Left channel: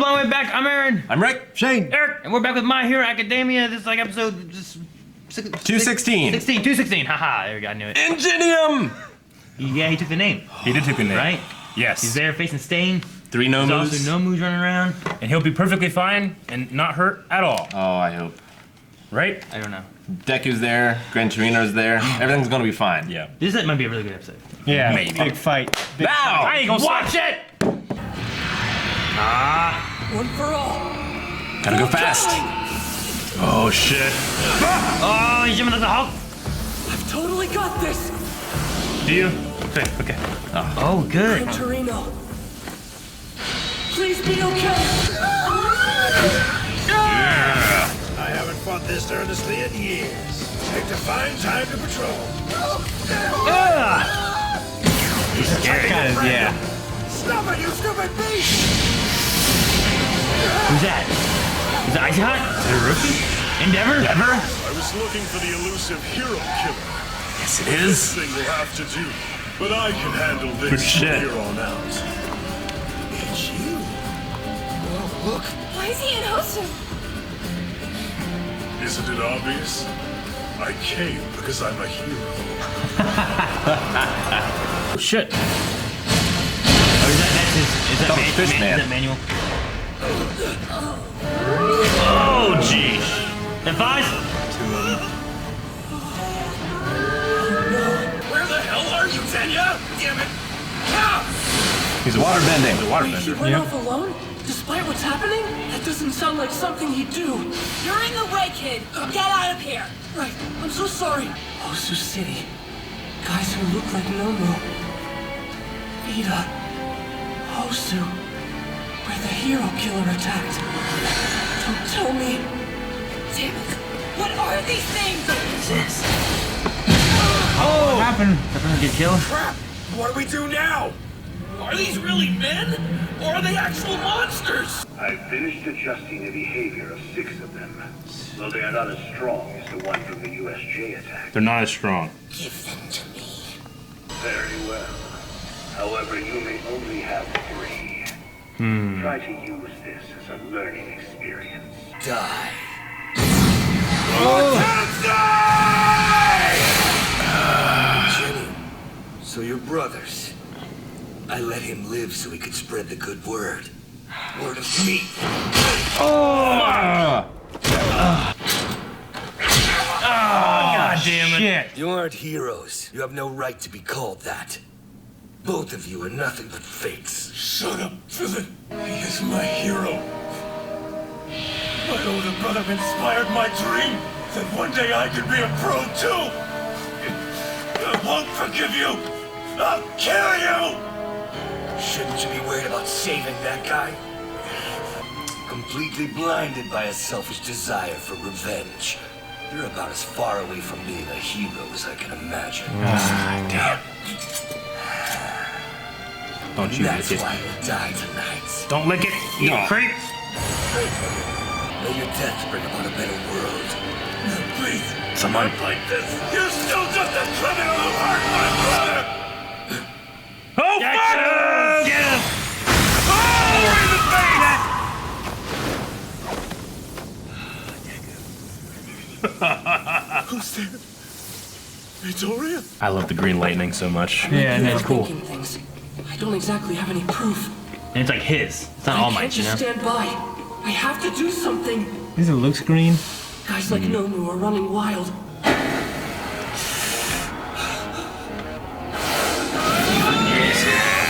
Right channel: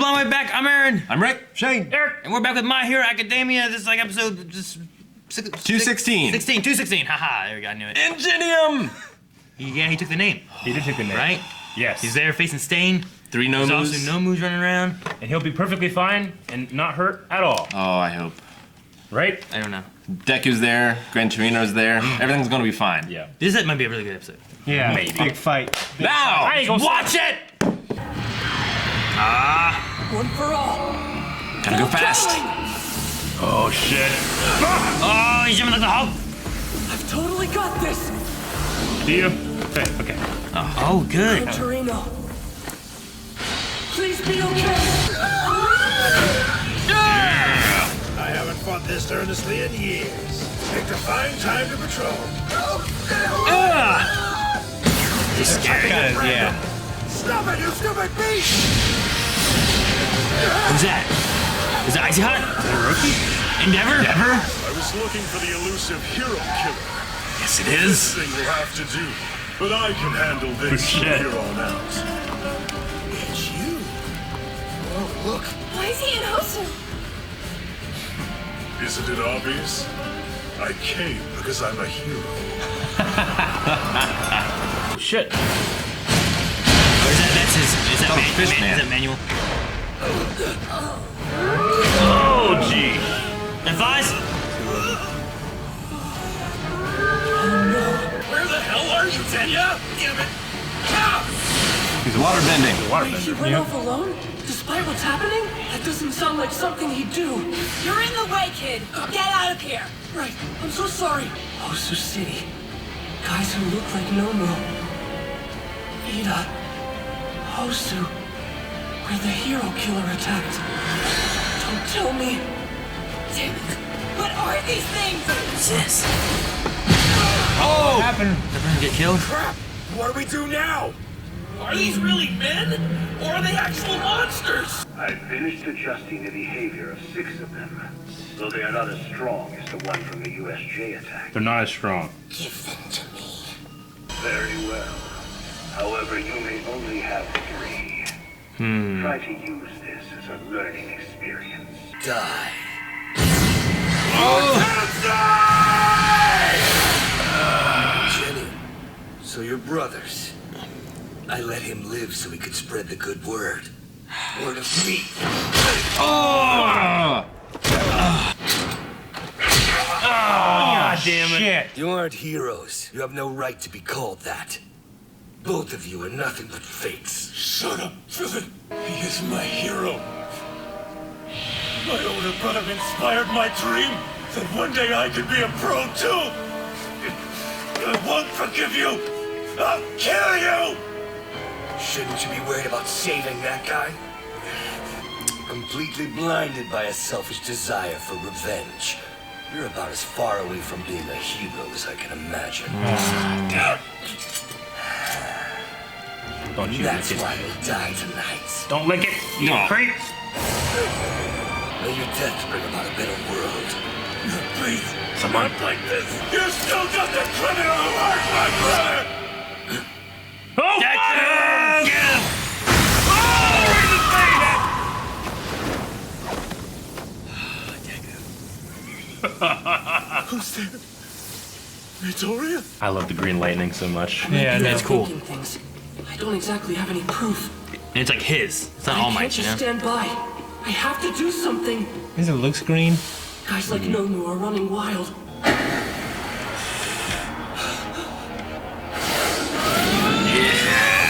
Blind Way back. I'm Aaron. I'm Rick. Shane. Eric. And we're back with My Hero Academia. This is like episode just 216. 216. Haha, there we go. I knew it. Ingenium! Yeah, he took the name. He did take the name. Right? Yes. He's there facing Stain. 3 no There's moves. also no moves running around. And he'll be perfectly fine and not hurt at all. Oh, I hope. Right? I don't know. Deku's there. Gran Torino's there. Everything's gonna be fine. Yeah. This might be a really good episode. Yeah, Maybe. big fight. Big Now! I ain't gonna Watch it! One for all. Gotta go fast. Oh, shit. Oh, he's jumping like the Hulk. I've totally got this. Do you? Okay. Oh, good. Gran Torino. Please be okay. I haven't fought this earnestly in years. Picked a fine time to patrol. He's attacking at random. Stop it, you stupid beast! Who's that? Is that Icy Hot? Endeavor? I was looking for the elusive hero killer. Yes, it This is. thing will have to do, but I can handle this from Shit. here on out. It's you. Oh, look. Why is he in Hosu? Isn't it obvious? I came because I'm a hero. Oh, shit. Is that Oh, fish man. Is that manual? Oh, gee. And Fies? Where the hell are you, Tenya? Damn it. Ah! He's water bending. Wait, he went off alone? Despite what's happening? That doesn't sound like something he'd do. You're in the way, kid. Get out of here. Right, I'm so sorry. Hosu City. Guys who look like Nomu. Ida. Hosu. Where the hero killer attacked. Don't tell me. Damn it. What are these things? What happened? Everyone get killed? Crap! What do we do now? Are these really men? Or are they actual monsters? I finished adjusting the behavior of 6 of them, though they are not as strong as the one from the USJ attack. They're not as strong. Give them to me. Very well. However, you may only have 3. Try to use this as a learning experience. Die. Jenny, so you're brothers. I let him live so he could spread the good word. Word of me. Oh! God damn it. Shit. You aren't heroes. You have no right to be called that. Both of you are nothing but fakes. Shut up, villain. He is my hero. My older brother inspired my dream that one day I could be a pro too. I won't forgive you. I'll kill you. Shouldn't you be worried about saving that guy? Completely blinded by a selfish desire for revenge. You're about as far away from being a hero as I can imagine. Don't you That's lick it. why you'll die tonight. Don't lick it. You No. creep. May your deaths bring about a better world. No, please, not like this. You're still just a criminal who hurt my brother. Oh, fuck! Get him! Who's there? Midoriya? I love the green lightning so much. Yeah, You're that's cool. overthinking things. I don't exactly have any proof. And it's like his. It's not All I Might, can't you know? just stand by. I have to do something. Does it look green? Guys like Nomu are running wild.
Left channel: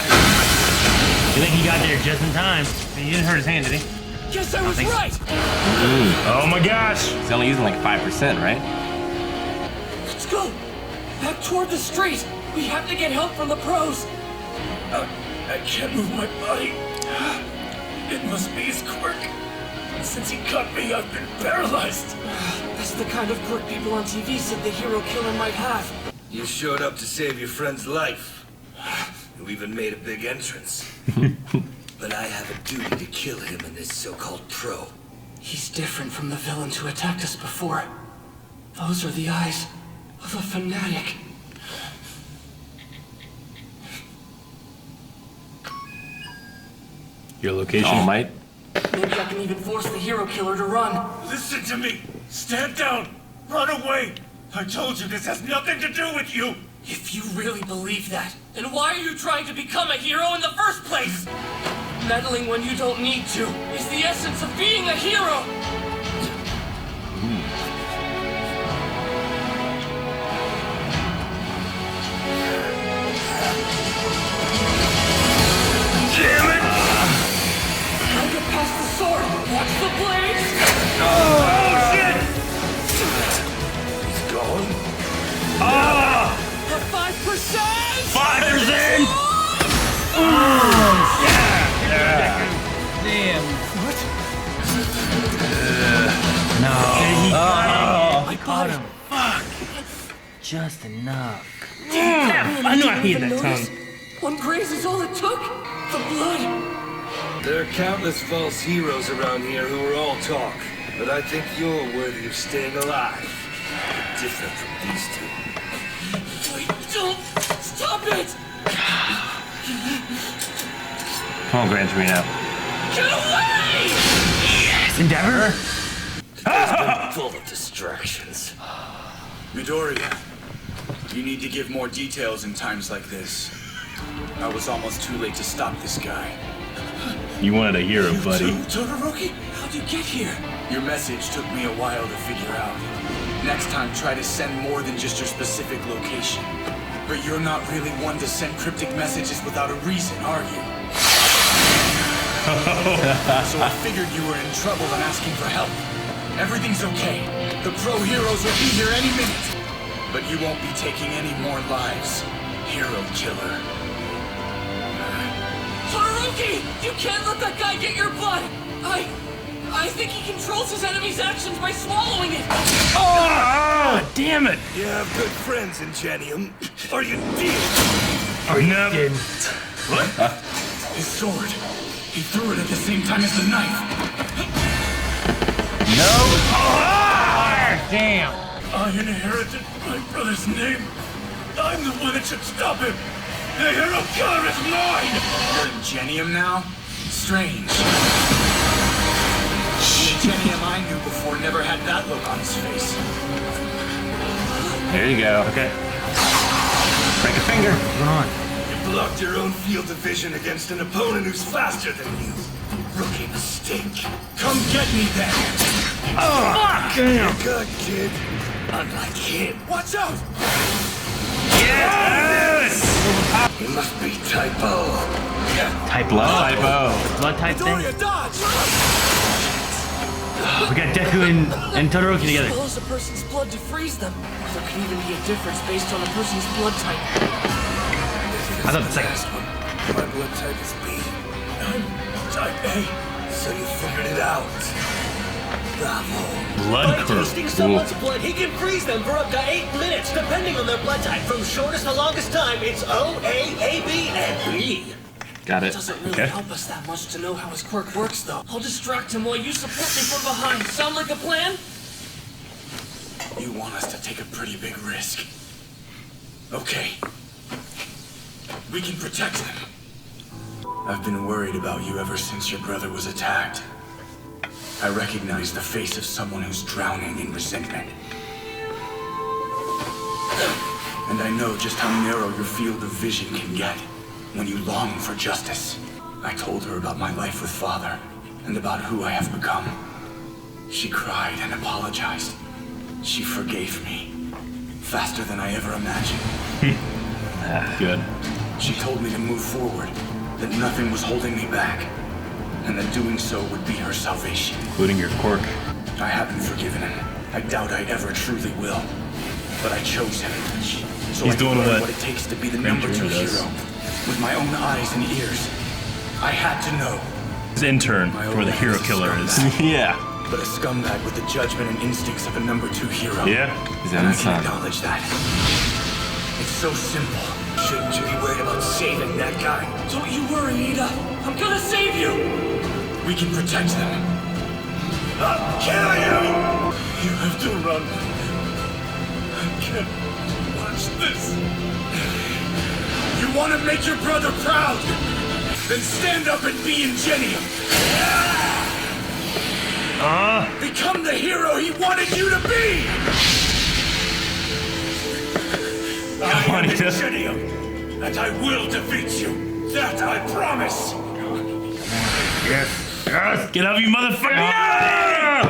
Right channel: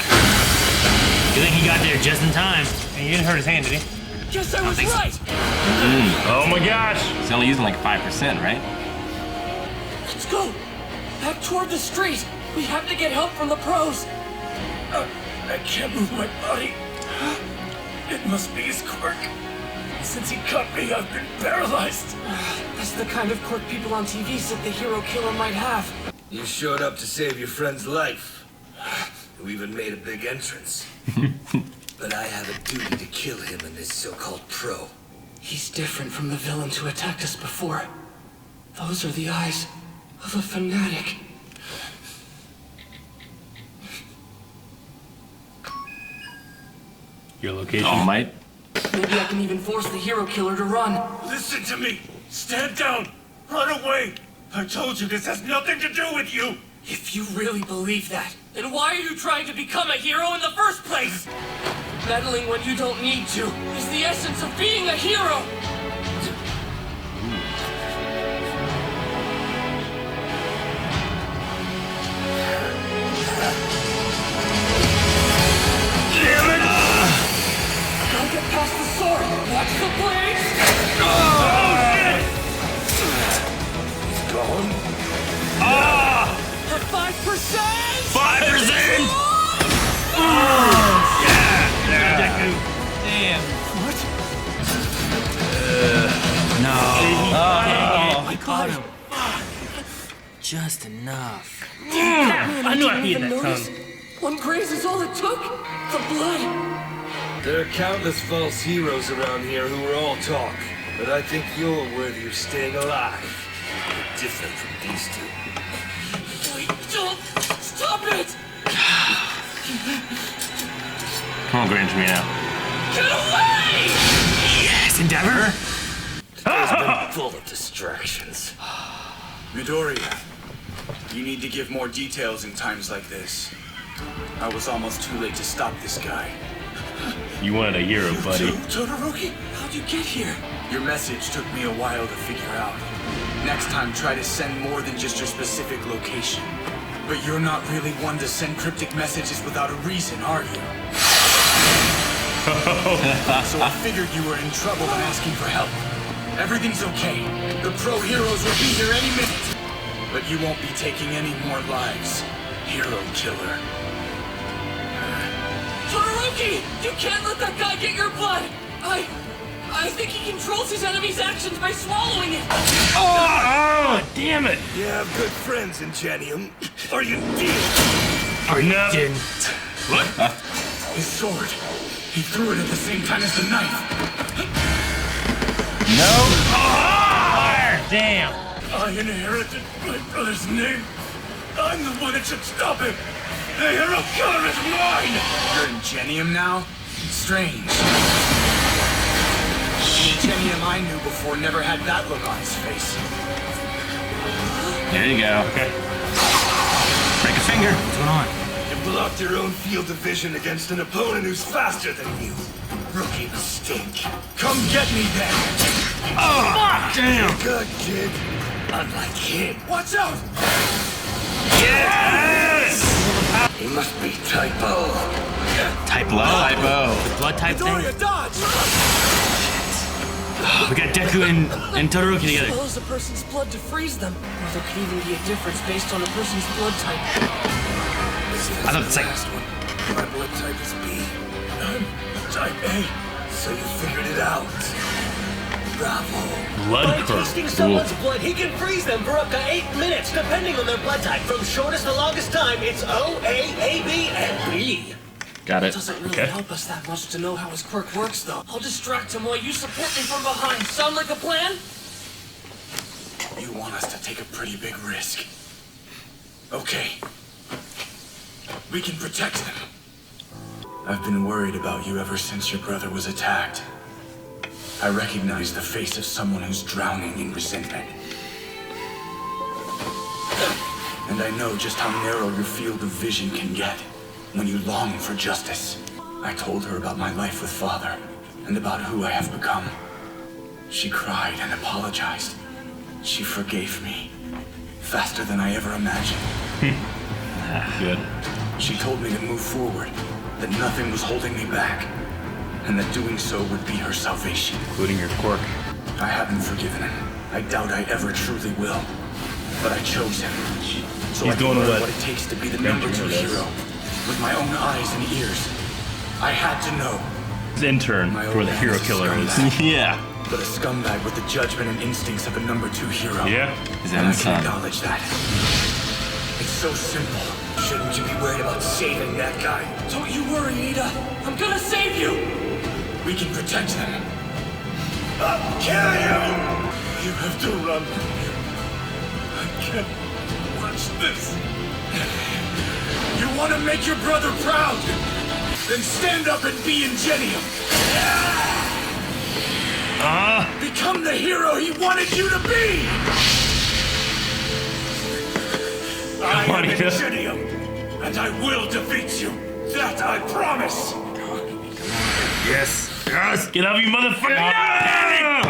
I think he got there just in time. He didn't hurt his hand, did he? Guess I was right. Oh my gosh. He's only using like 5%, right? Let's go. Back toward the street. We have to get help from the pros. I can't move my body. It must be his quirk. Since he cut me, I've been paralyzed. That's the kind of quirk people on TV said the hero killer might have. You showed up to save your friend's life. You even made a big entrance. But I have a duty to kill him and this so-called pro. He's different from the villains who attacked us before. Those are the eyes of a fanatic. Your location. All Might. Maybe I can even force the hero killer to run. Listen to me! Stand down! Run away! I told you this has nothing to do with you! If you really believe that, then why are you trying to become a hero in the first place? Meddling when you don't need to is the essence of being a hero! Gotta get past the sword! Watch the blades! He's gone? A 5%! 5%! Damn. What? No. My body! Just enough. Man, I didn't happy in even that notice. One graze is all it took? The blood! There are countless false heroes around here who are all talk, but I think you're worthy of staying alive. You're different from these two. Wait, don't! Stop it! Come on, Gran Torino. Get away! Yes, Endeavor. Today's been full of distractions. Midoriya, you need to give more details in times like this. I was almost too late to stop this guy. You wanted a hero, buddy. You too, Todoroki? How'd you get here? Your message took me a while to figure out. Next time, try to send more than just your specific location. But you're not really one to send cryptic messages without a reason, are you? So I figured you were in trouble and asking for help. Everything's okay. The pro heroes will be here any minute. But you won't be taking any more lives, hero killer. Todoroki! You can't let that guy get your blood! I think he controls his enemy's actions by swallowing it! Oh, damn it! You have good friends in Genium, or you did. No. What? His sword. He threw it at the same time as the knife. Damn. I inherited my brother's name. I'm the one that should stop him. The hero killer is mine! You're in Genium now? Strange. The Genium I knew before never had that look on his face. There you go. Break a finger. Come on. You blocked your own field of vision against an opponent who's faster than you. Rookie mistake. Come get me then! You're good, kid. Unlike him. Watch out! He must be typo. Type low. Typo. Blood type thing. Midoriya, dodge! We got Deku and Todoroki together. Swallows a person's blood to freeze them. Or there could even be a difference based on a person's blood type. This is I thought the it's like- last one. My blood type is B. I'm type A. So you figured it out. Bravo. By Blood tasting someone's blood, he can freeze them for up to 8 minutes, depending on their blood type. From shortest to longest time, it's O, A, AB, and B. Got It it. doesn't really help us that much to know how his quirk works, though. I'll distract him while you support me from behind. Sound like a plan? You want us to take a pretty big risk. Okay. We can protect them. I've been worried about you ever since your brother was attacked. I recognize the face of someone who's drowning in resentment. And I know just how narrow your field of vision can get when you long for justice. I told her about my life with Father and about who I have become. She cried and apologized. She forgave me faster than I ever imagined. Good. She told me to move forward, that nothing was holding me back, and that doing so would be her salvation. Including your quirk. I haven't forgiven him. I doubt I ever truly will. But I chose him, so I He's can doing learn what? what it takes to be the number 2 hero. With my own eyes and ears. I had to know. His intern My for old the man hero is a killer is. scumbag, Yeah. but a scumbag with the judgment and instincts of a number 2 hero. Yeah. His And I own can son. acknowledge that. It's so simple. Shouldn't you be worried about saving that guy? Don't you worry, Ida. I'm gonna save you! We can protect them. I'll kill you! You have to run. I can't watch this. You want to make your brother proud? Then stand up and be Ingenium. become the hero he wanted you to be! I am Ingenium, and I will defeat you. That I promise. Yes. Yes. Get out, you motherfucker!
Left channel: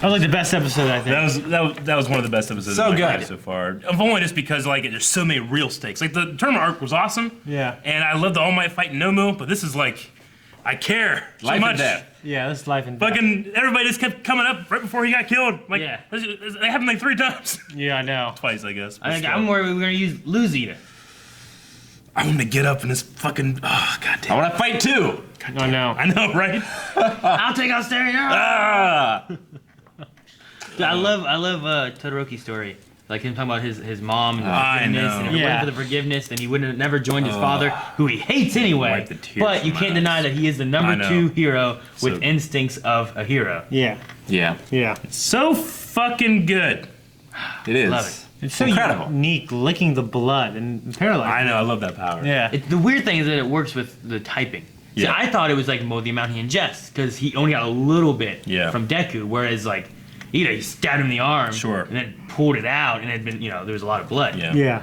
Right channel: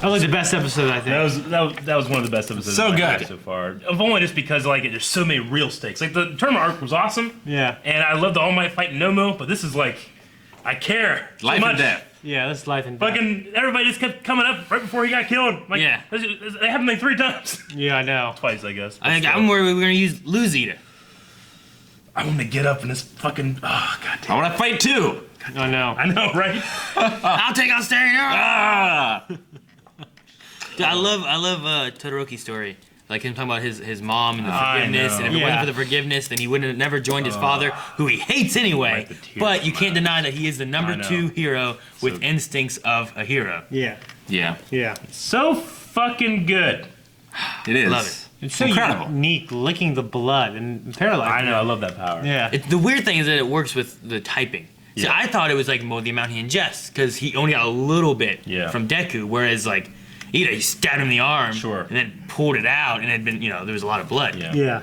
That was the best episode, I think. That was one of the best episodes So I've good. had so far. If only just because like there's so many real stakes. Like the tournament arc was awesome. Yeah. And I love the All Might fight Nomu, but this is like I care so Life much. and death. Yeah, that's life and death. Fucking everybody just kept coming up right before he got killed. Like, Yeah. It happened like 3 times. Yeah, I know. Twice, I guess. I'm worried we were gonna use Lose Eater. I want to get up in this fucking. Oh, god I damn. want to fight too. Oh, no. I know, right? I'll take out Stereo. Ah. Dude, I love Todoroki's story. Like him talking about his mom and the I forgiveness, know. and if it Yeah. wasn't for the forgiveness, then he would have never joined his father, who he hates anyway. Like the tears But you come can't deny that he is the I number know. 2 hero with So- instincts of a hero. Yeah. Yeah, Yeah. So fucking good. it is. Love it. It's so Incredible. unique, licking the blood and paralyzed. I know. I love that power. Yeah. The weird thing is that it works with the typing. See, Yeah. I thought it was like the amount he ingests, because he only got a little bit Yeah. from Deku, whereas like, he stabbed him in the arm, Sure. and then pulled it out, and it had been, there was a lot of blood. Yeah. Yeah.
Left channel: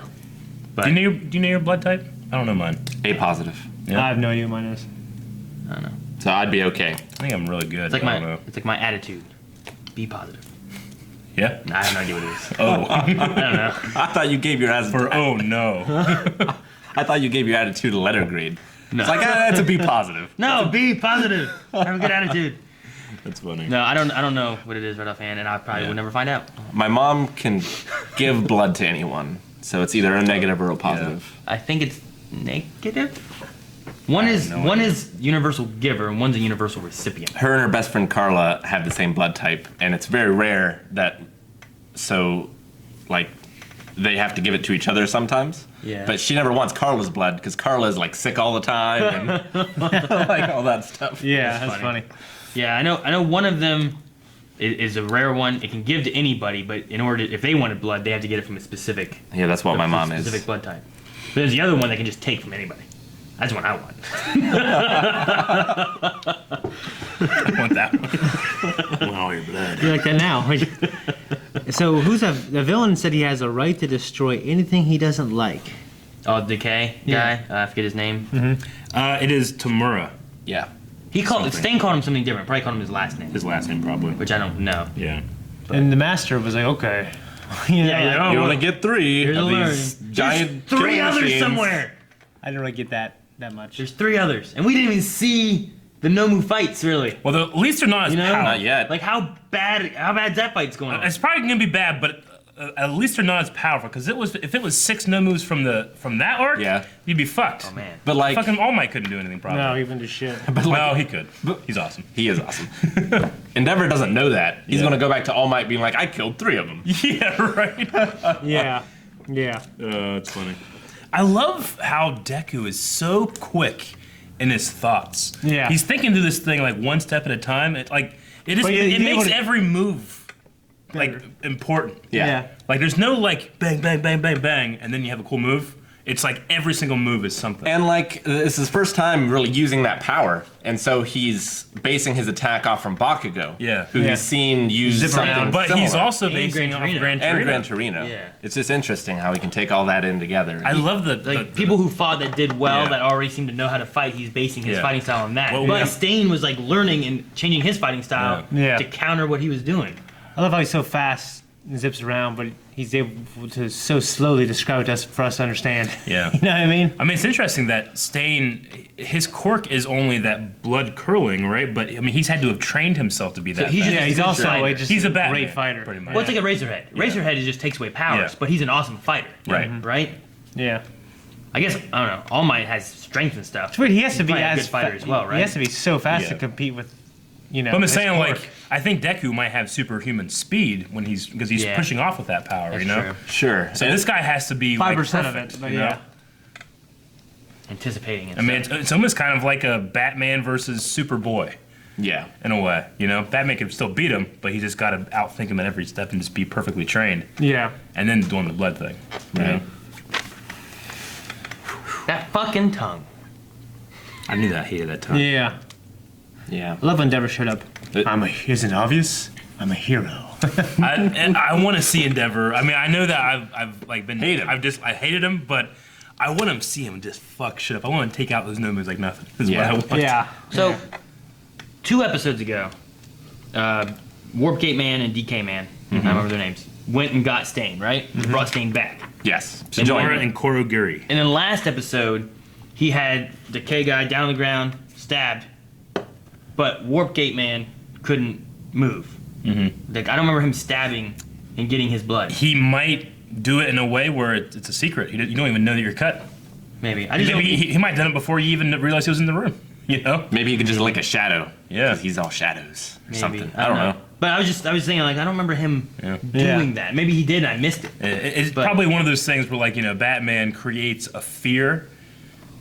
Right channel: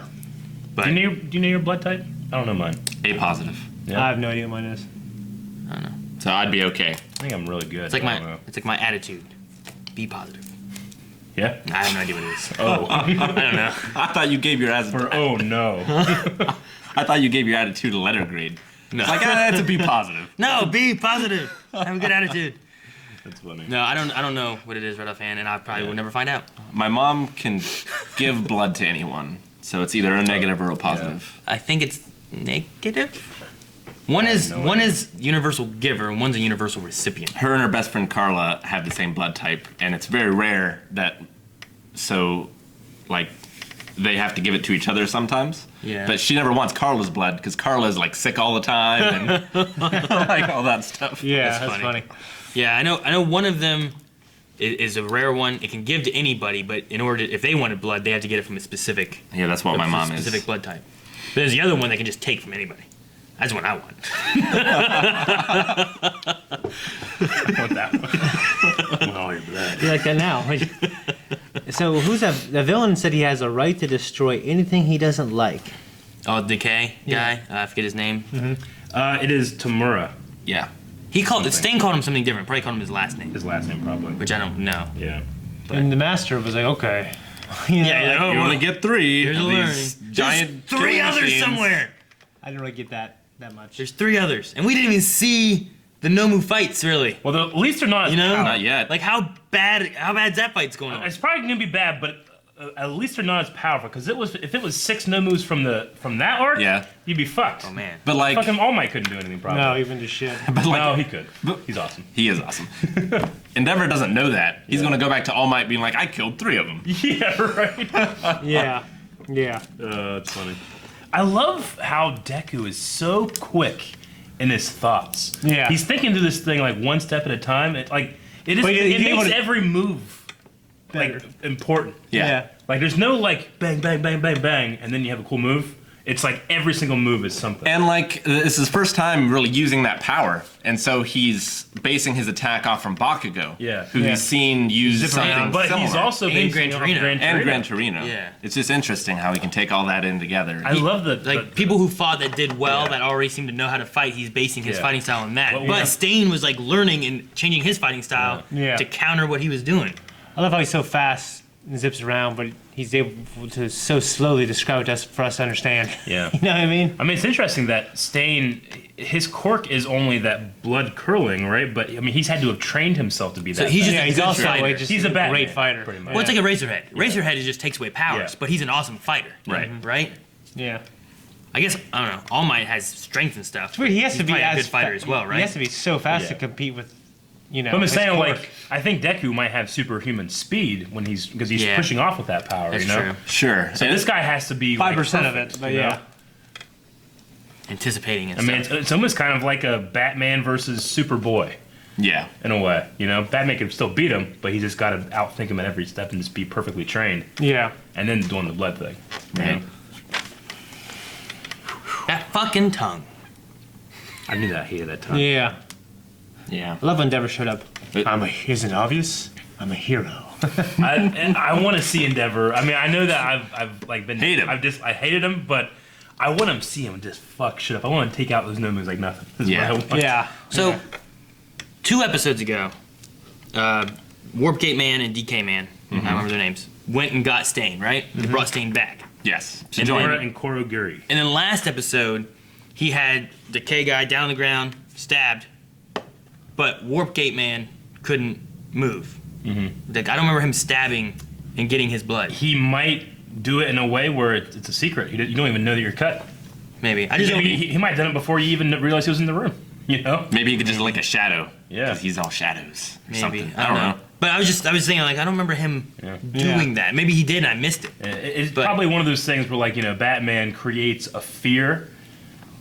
But Do you know your blood type? I don't know mine. A positive. Yeah. I have no idea what mine is. I don't know. So I'd be okay. I think I'm really good. It's like I don't know. my attitude. Be positive. Yeah. I have no idea what it is. Oh. I don't know. I thought you gave your For oh no. I thought you gave your attitude a letter grade. No. It's like that's a B positive. No, be positive. Have a good attitude. That's funny. No, I don't know what it is right offhand, and I probably will never find out. My mom can give blood to anyone, so it's either a negative or a positive. I think it's negative. One is universal giver, and one's a universal recipient. Her and her best friend Carla have the same blood type, and it's very rare that, so, like, they have to give it to each other sometimes. Yeah. But she never wants Carla's blood because Carla is like sick all the time and like all that stuff. Yeah, that's funny. Yeah, I know. One of them is a rare one. It can give to anybody, but in order if they wanted blood, they have to get it from a specific. Yeah, that's what my mom is. Specific blood type. But there's the other one that can just take from anybody. That's what I want. I want that one. Oh, your blood. You're like that now. So the villain said he has a right to destroy anything he doesn't like. Oh, Decay guy. I forget his name. It is Tamura. Yeah. Stain called him something different. Probably called him his last name, His last name probably. which I don't know. Yeah. And the master was like, okay. You know, You only get 3 Here's of a these giant There's 3 killing others machines. somewhere. I didn't really get that much. There's 3 others, and we didn't even see the Nomu fights really. Well, at least they're not as powerful. Not yet. Like how bad's that fight's going on? It's probably gonna be bad, but at least they're not as powerful. Because if it was 6 Nomus from that arc, Yeah. you'd be fucked. Oh man. But like, Fucking All Might couldn't do anything. Probably. No, even to shit. but like, No, he could. He's awesome. he is awesome. Endeavor doesn't know that. He's gonna go back to All Might being like, I killed 3 of them. Yeah, right. Yeah. Yeah. It's funny. I love how Deku is so quick in his thoughts. Yeah. He's thinking through this thing like one step at a time. It But you makes able to- every move Better. like important. Yeah. Like there's no like bang bang bang bang bang and then you have a cool move. It's like every single move is something. And like, this is his first time really using that power. And so he's basing his attack off from Bakugo. Yeah. Who Yeah. he's seen use Zip something around. But similar. he's also And basing Gran it off Torino. Gran and Torino. Gran Torino. Yeah. It's just interesting how he can take all that in together. I love People who fought that did well, Yeah. that already seemed to know how to fight, he's basing his Yeah. fighting style on that. Well, but yeah. Stain was like learning and changing his fighting style Yeah. to counter what he was doing. I love how he's so fast and zips around, but he's able to so slowly describe it to us for us to understand. Yeah. You know what I mean? I mean, it's interesting that Stain, his quirk is only that blood curling, right? But I mean, he's had to have trained himself to be that. So he's just Yeah, a he's good also fighter. like just He's a a Batman, great fighter. pretty much. Well, it's like a Razorhead. Razorhead just takes away powers, Yeah. but he's an awesome fighter. Right. Right? Yeah. I guess, I don't know, All Might has strength and stuff. It's weird. He has He's to be probably a as good fighter as well, right? He has to be so fast to Yeah. compete with, you know. I'm just his saying, quirk. like, I think Deku might have superhuman speed because he's Yeah. pushing off with that power, That's you know? true. Sure. So And this guy has to be 5% like, of it, perfect, but you know? yeah. Anticipating and I mean, stuff. it's almost kind of like a Batman versus Superboy yeah. in a way, you know? Batman can still beat him, but he just got to outthink him at every step and just be perfectly trained. Yeah. And then doing the blood thing. you Right. know? That fucking tongue. I knew that. I hated that tongue. Yeah. Yeah. I love when Endeavor showed up. Isn't it obvious? I'm a hero. I want to see Endeavor. I mean, I know that I've like been Hate him. I hated him, but I want to see him just fuck shit up. I want to take out those nomads like nothing. That's Yeah. what I want. Yeah. So, 2 episodes ago, Warp Gate Man and DK Man, I don't remember their names, went and got Stain, right? Brought Stain back. Yes. And Join Nora me. and Korogiri. And then last episode, he had the K guy down on the ground, stabbed, but Warp Gate Man couldn't move. Like, I don't remember him stabbing and getting his blood. He might do it in a way where it's a secret. You don't even know that you're cut. Maybe. I just He might have done it before you even realized he was in the room. You know? Maybe he could just lick a shadow. Yeah. Because he's all shadows or maybe. something. I don't know. But I was thinking, like, I don't remember him doing that. Maybe he did and I missed it. It's probably one of those things where, like, you know, Batman creates a fear,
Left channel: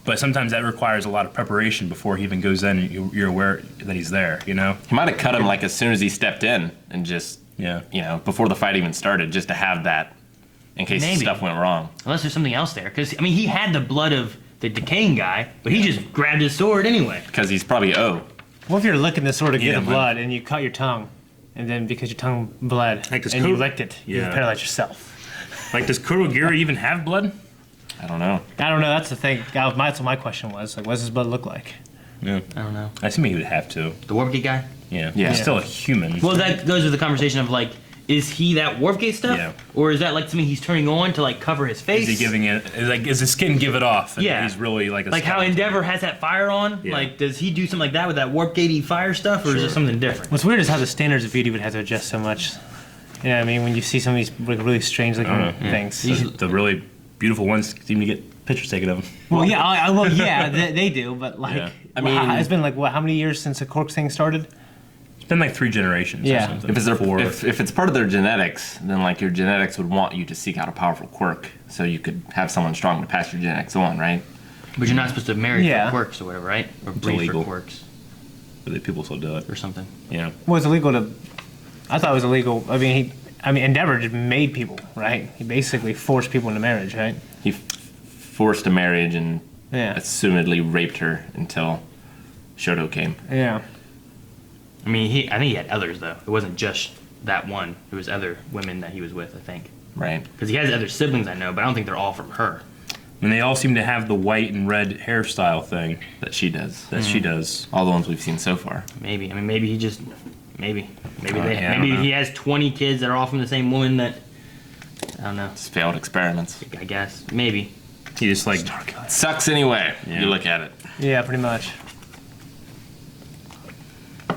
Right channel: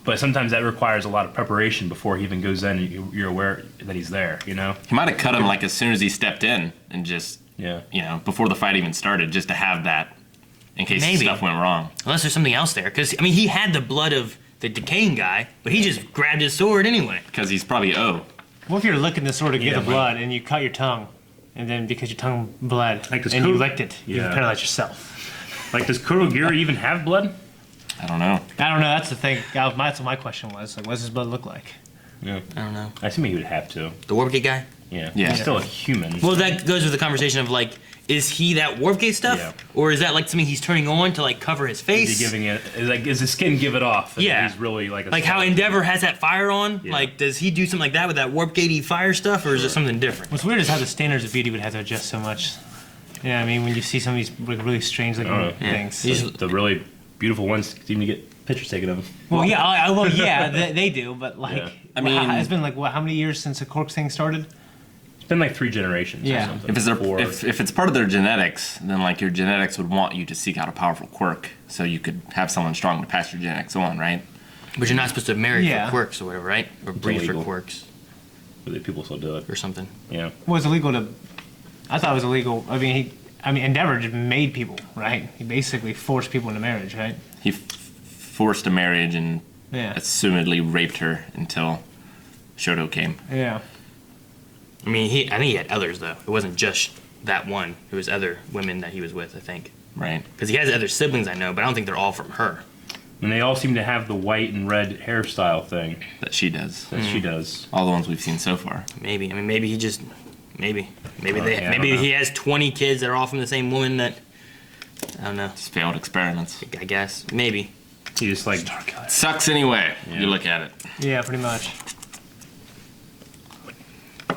but sometimes that requires a lot of preparation before he even goes in and you're aware that he's there, you know? He might have cut him like as soon as he stepped in and just, you know, before the fight even started, just to have that in case Maybe. stuff went wrong. Unless there's something else there. Because, I mean, he had the blood of the decaying guy, but he just grabbed his sword anyway. Because he's probably What if you're licking the sword to get Yeah, the but- blood and you cut your tongue, and then because your tongue bled Like this and you coat- licked it, you Yeah. paralyze yourself? Like, does Korogiri even have blood? I don't know. I don't know. That's the thing. That's what my question was. Like, what does his blood look like? Yeah. I don't know. I assume he would have to. The Warp Gate guy? Yeah. Yeah. He's still a human. Well, that goes with the conversation of, like, is he that Warp Gate stuff? Yeah. Or is that, like, something he's turning on to, like, cover his face? Is he giving it? Is his skin give it off? And Yeah. He's really like a Like how Endeavor has that fire on? Yeah. Like, does he do something like that with that Warp Gatey fire stuff, or is it something different? What's weird is how the standards of beauty would have to adjust so much. Yeah, I mean, when you see some of these like, really strange looking things. The really beautiful ones seem to get pictures taken of them. Well, yeah, they do, but like, Yeah. I mean- it's been like what? How many years since the quirk thing started? It's been like 3 generations. Yeah. Or something. If it's, Four. if it's part of their genetics, then like your genetics would want you to seek out a powerful quirk so you could have someone strong to pass your genetics on, right? But you're not supposed to marry Yeah. for quirks or whatever, right? Or breed for illegal. quirks But people still do it. or something. Yeah. Well, it's illegal to. I thought it was illegal. I mean, Endeavor just made people, right? He basically forced people into marriage, right? He forced a marriage and Yeah. assumedly raped her until Shoto came. Yeah. I mean, I think he had others though. It wasn't just that one. It was other women that he was with, I think. Right. Because he has other siblings, I know, but I don't think they're all from her. And they all seem to have the white and red hairstyle thing That she does. that she does. All the ones we've seen so far. Maybe. I mean, maybe he just. Maybe. Maybe yeah, I don't Maybe know. he has 20 kids that are all from the same woman that. I don't know. It's failed experiments. I guess. Maybe. He just like Sucks anyway. Yeah. You look at it. Yeah, pretty much. I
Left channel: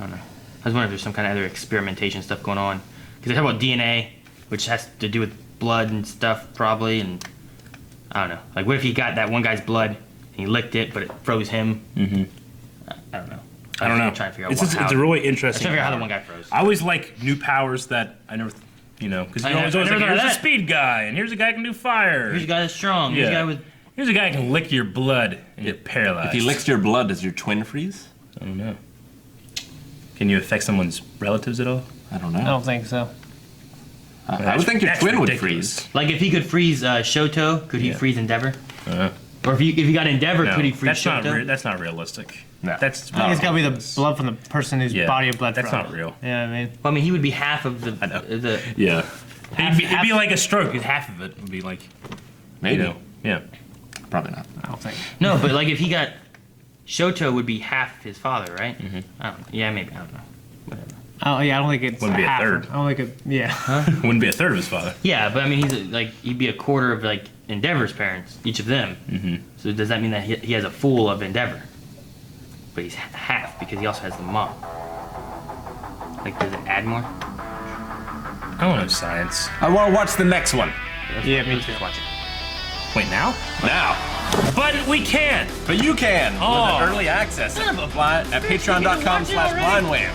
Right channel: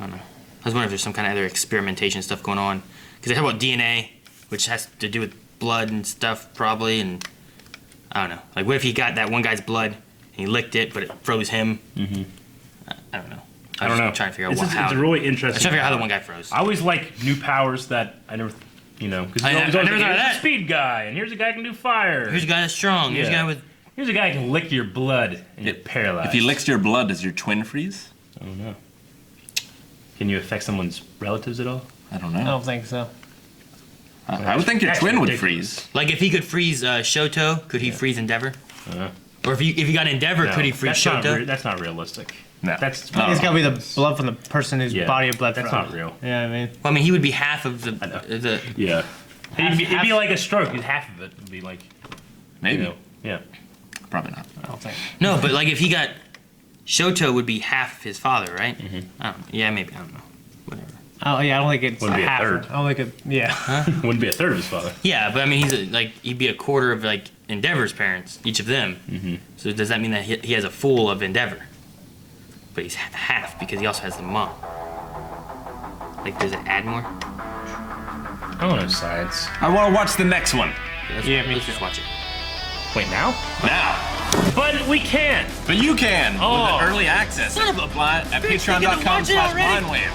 don't know. I was wondering if there's some kind of other experimentation stuff going on. Because they talk about DNA, which has to do with blood and stuff, probably. And I don't know. Like, what if he got that one guy's blood and he licked it, but it froze him? Mm-hmm. I don't know. I don't know. I'm trying to figure out it's, how. it's a really I'm interesting. trying to figure out how the one guy froze. I always like new powers that I never, because I always never like, thought of here's a that. speed guy, and here's a guy who can do fire. Here's a guy that's strong. Here's a Yeah. guy with. Here's a guy who can lick your blood and you're paralyzed. If he licks your blood, does your twin freeze? I don't know. Can you affect someone's relatives at all? I don't I know. don't think so. I would think your That's twin would ridiculous. freeze. Like, if he could freeze Shoto, could he freeze Endeavor? Uh-huh. Or if he got Endeavor, No, could he freeze that's not Shoto? that's not realistic. No. That's No. It's got to be the blood from the person whose Yeah, body of blood that's from. not real. Yeah, I mean, Well, I mean, he would be half of I know. the. Yeah. It'd be like a stroke. Half of it would be like, Maybe. you know, yeah. Probably not. I don't think. No, but like if he got Shoto would be half his father, right? Mm-hmm. I don't. Yeah, maybe. I don't know. Whatever. Oh yeah, I don't think it's Wouldn't be a half. third. I don't think it. Yeah. Wouldn't be a third of his father. Yeah, but I mean, he'd be a quarter of like Endeavor's parents, each of them. Mm-hmm. So does that mean that he has a full of Endeavor? But he's half because he also has the mom. Like, does it add more? I don't know science. I want to watch the next one. Yeah, me Let's too. just watch it. Wait, now? Now. But we can't. But you can Oh. with early access Son of a at bitch, you get to watch it already? patreon.com/blindwave.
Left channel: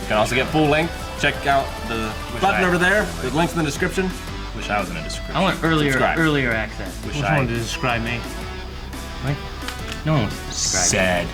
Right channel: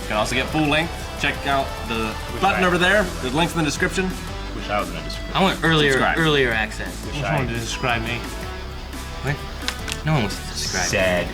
You can also get full length. Check out the button over there. There's links in the description. Wish I was in the description. I want Subscribe. earlier access. Wish Which I one to describe me? What? No one wants to describe it. Sad.